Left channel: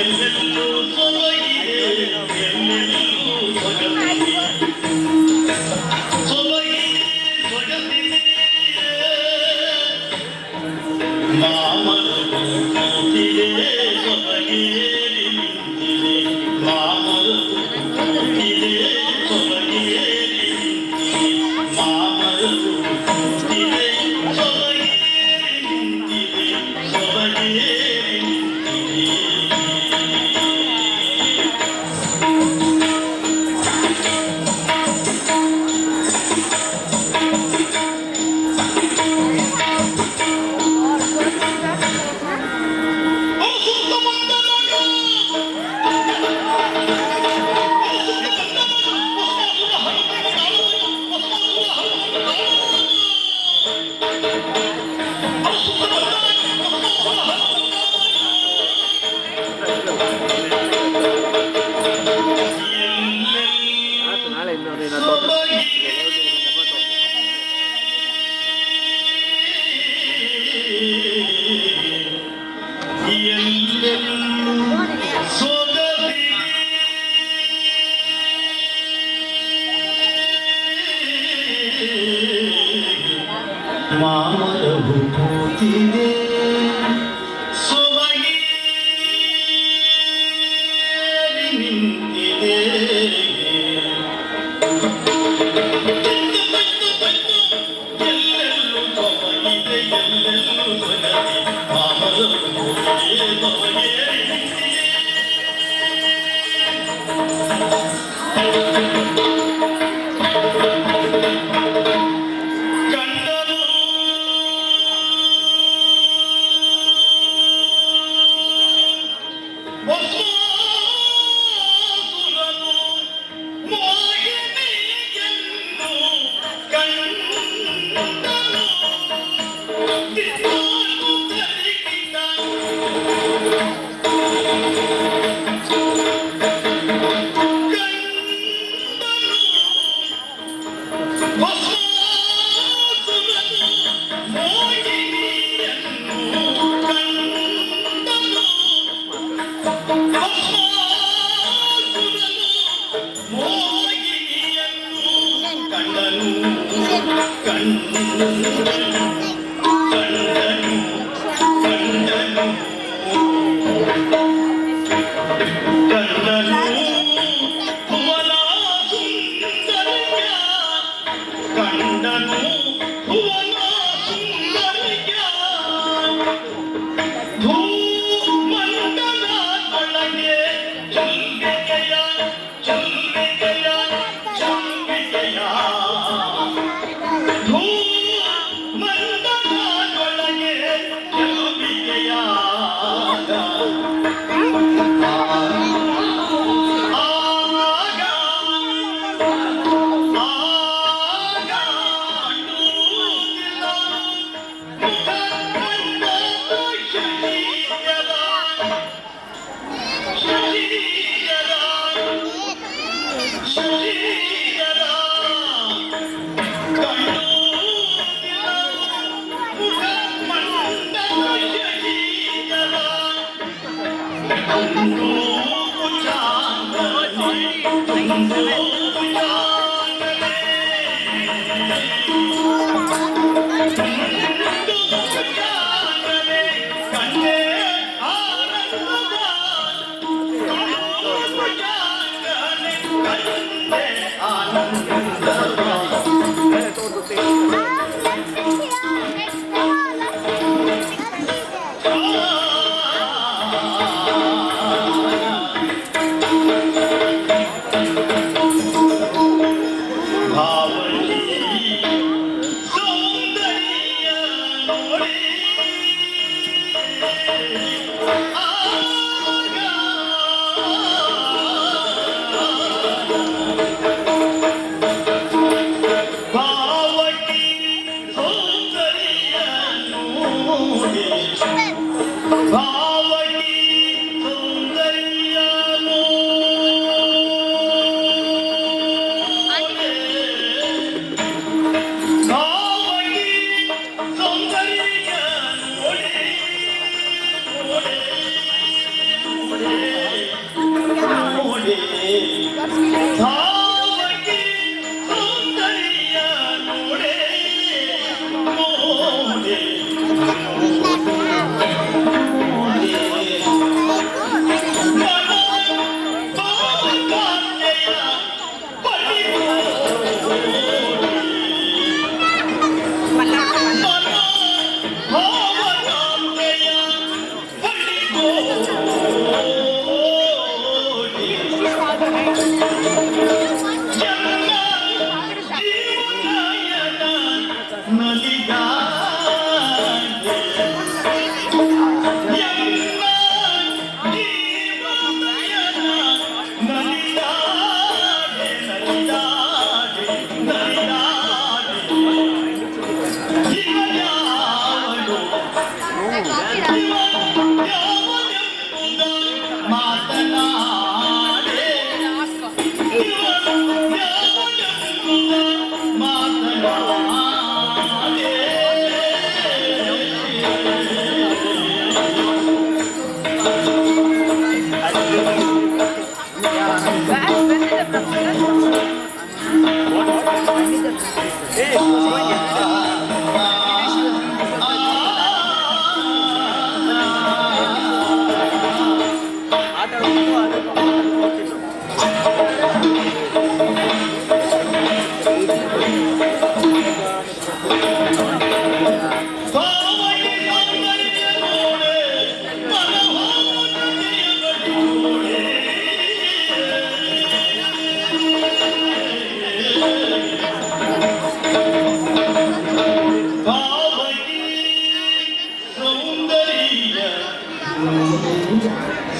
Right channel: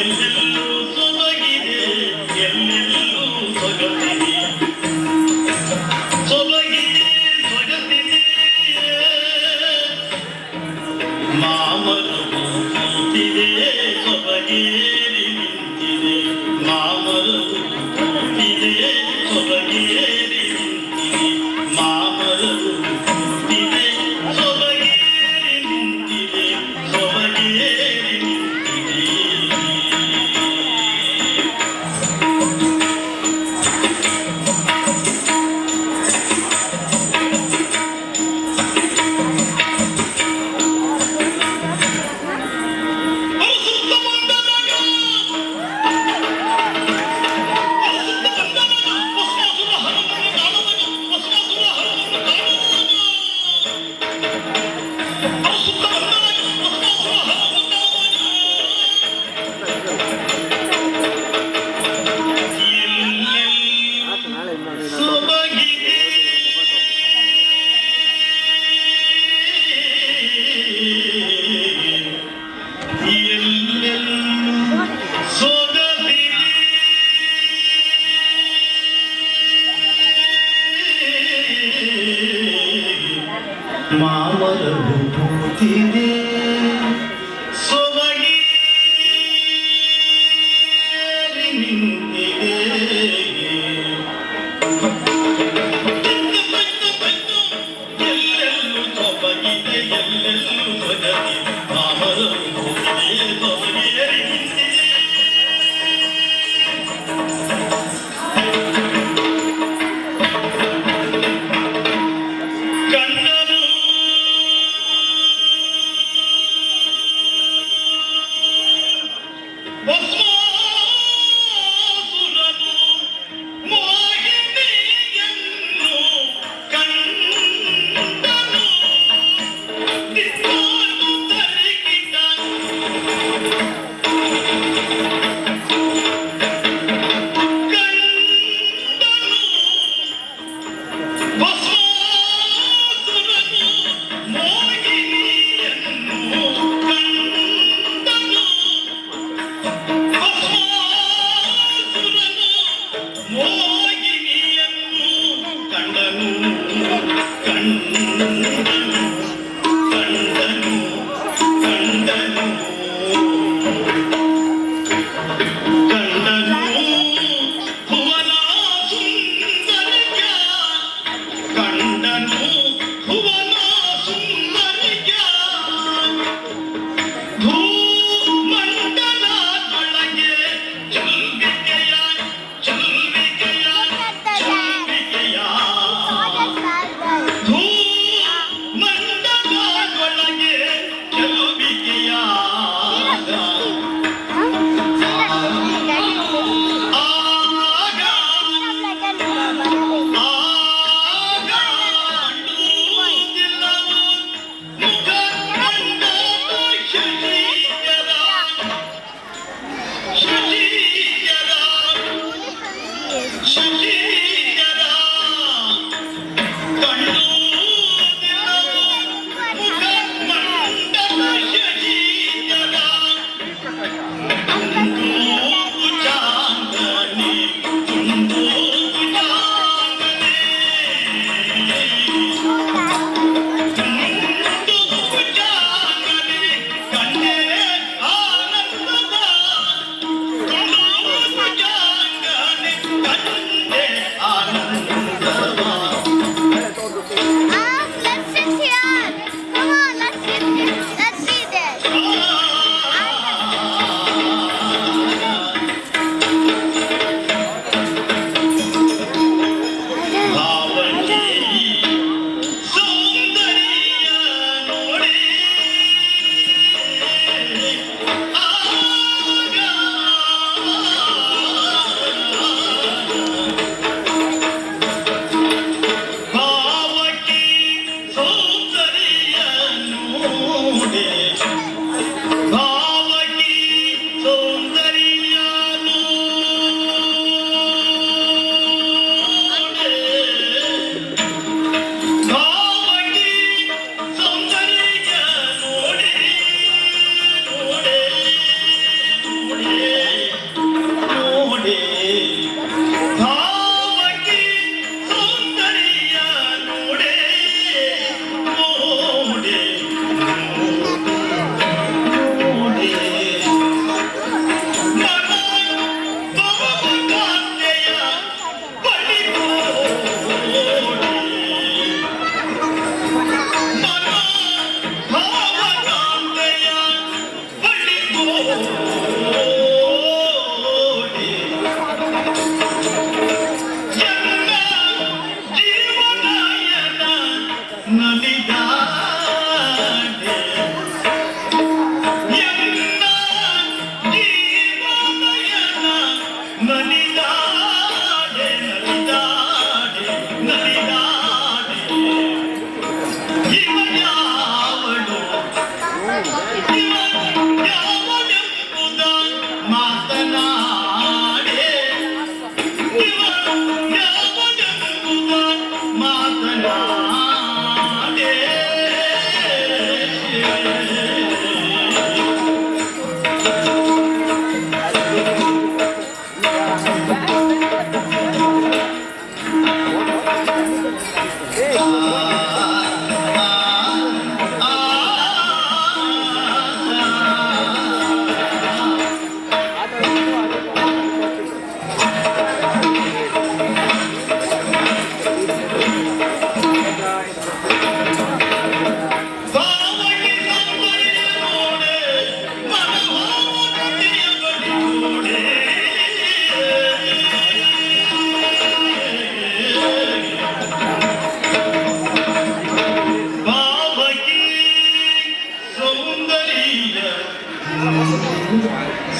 என்ன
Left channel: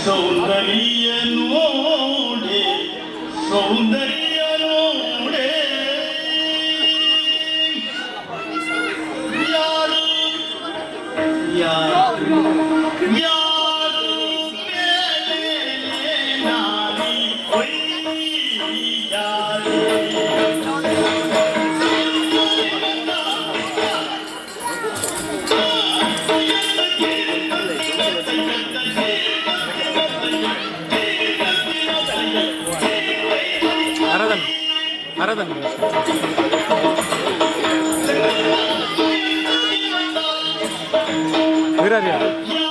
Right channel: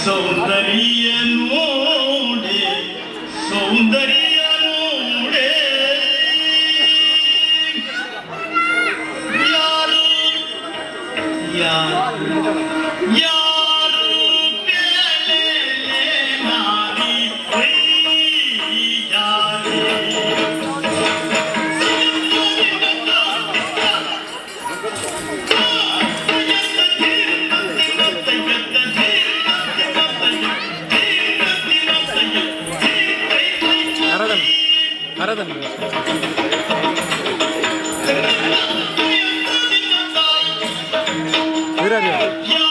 ಸೌಂದರ್ಯ ನೋಡಿ ಸೌಂದರ್ಯ ఆరాధన ఆరాధన. వీరాజు.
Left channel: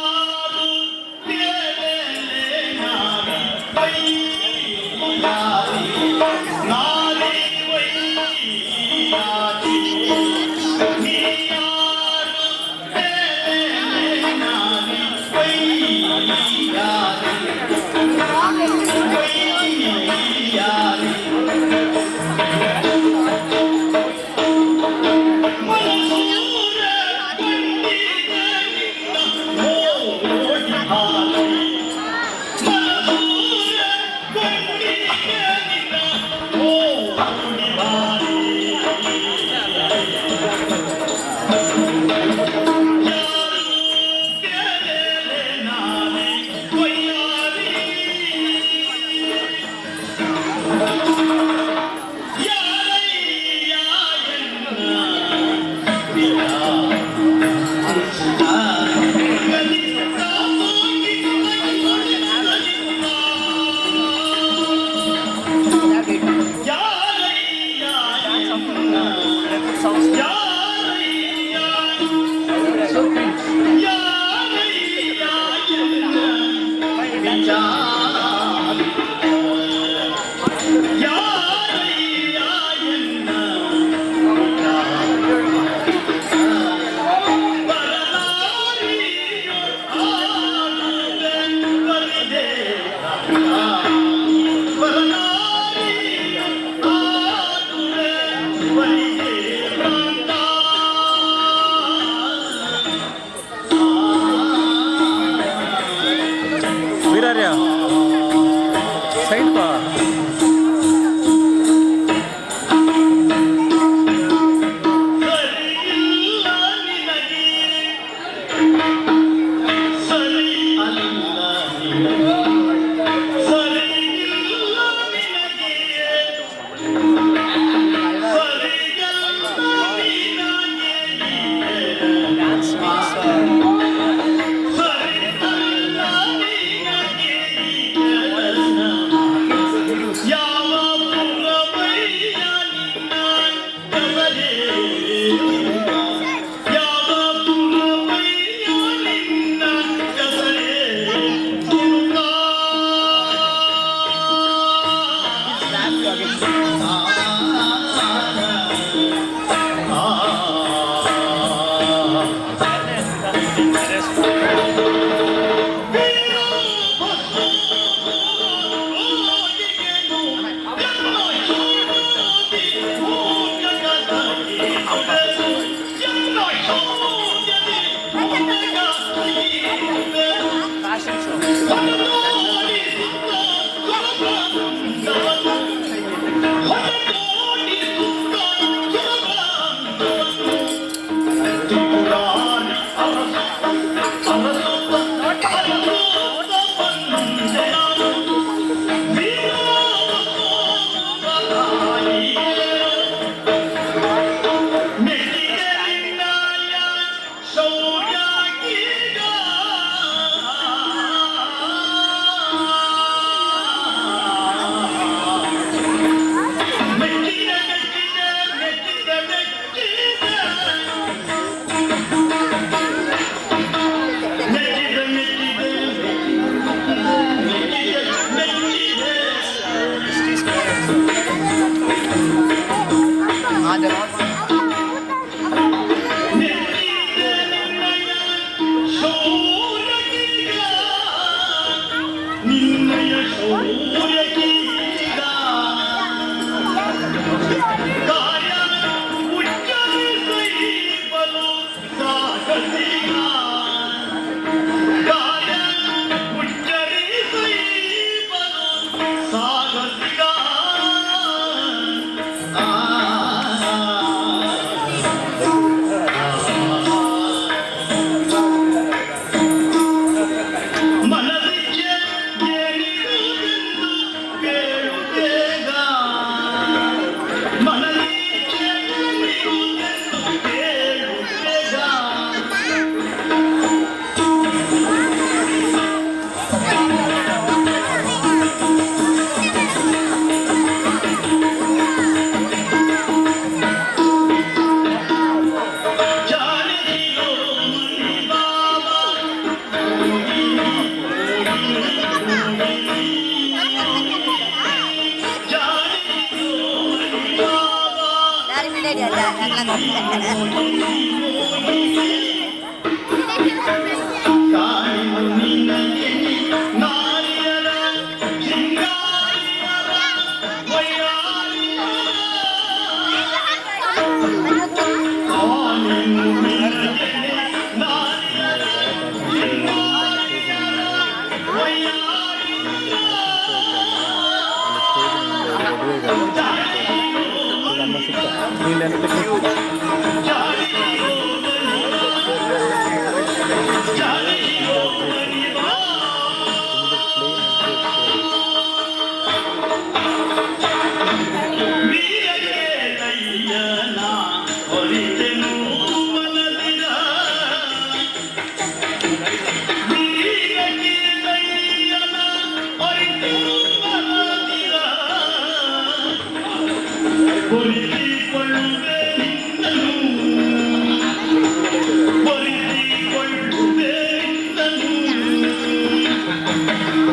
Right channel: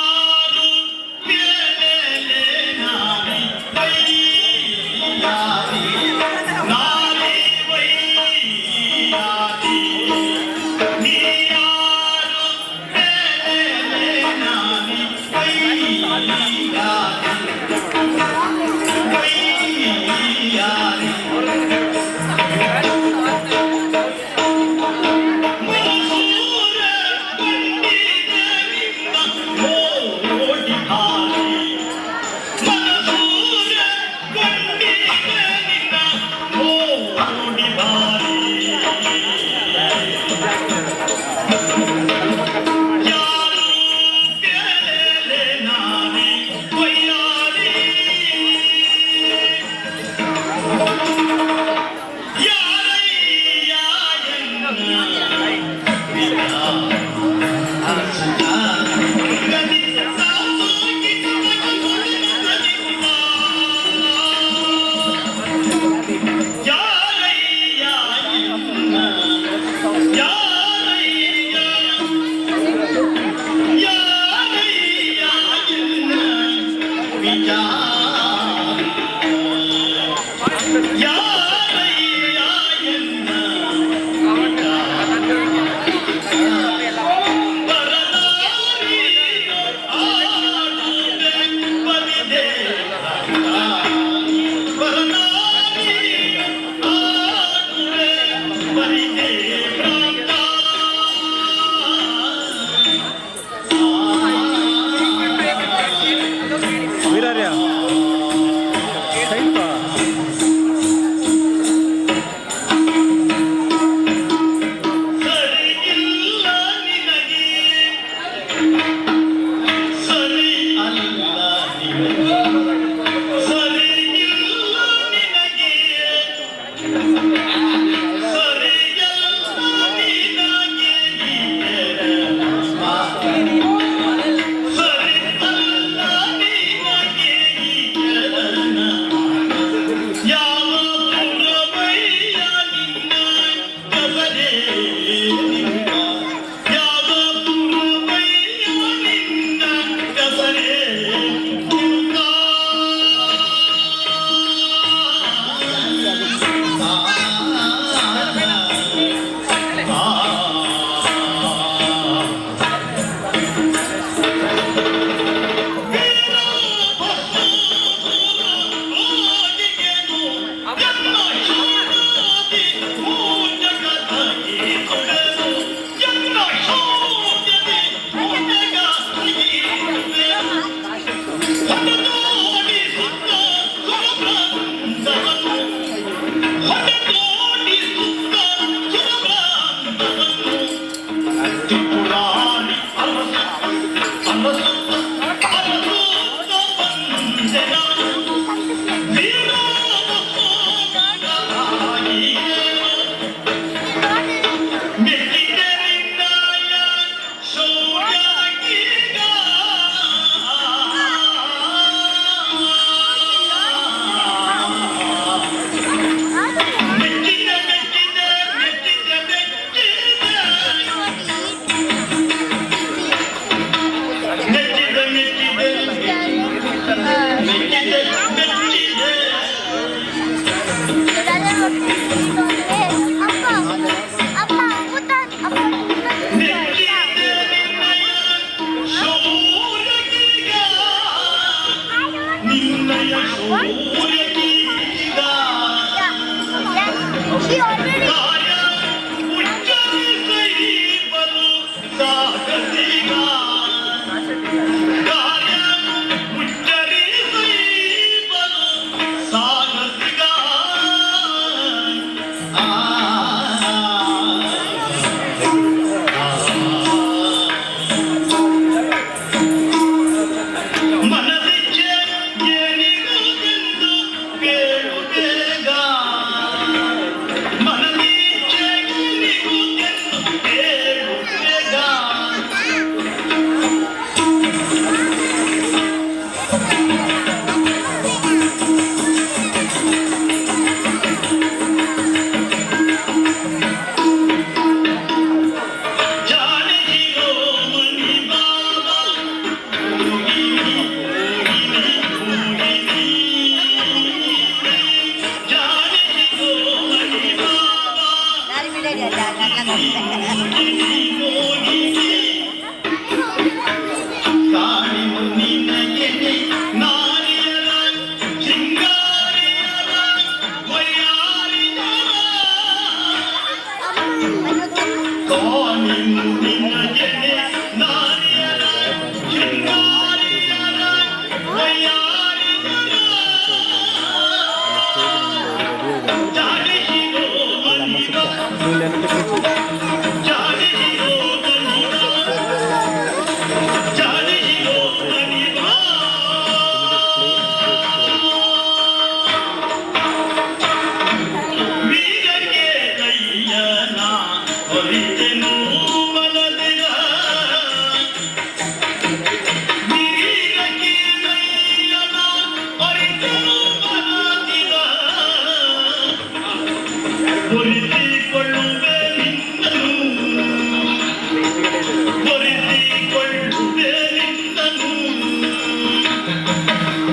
あのみた。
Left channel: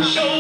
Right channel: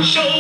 shake.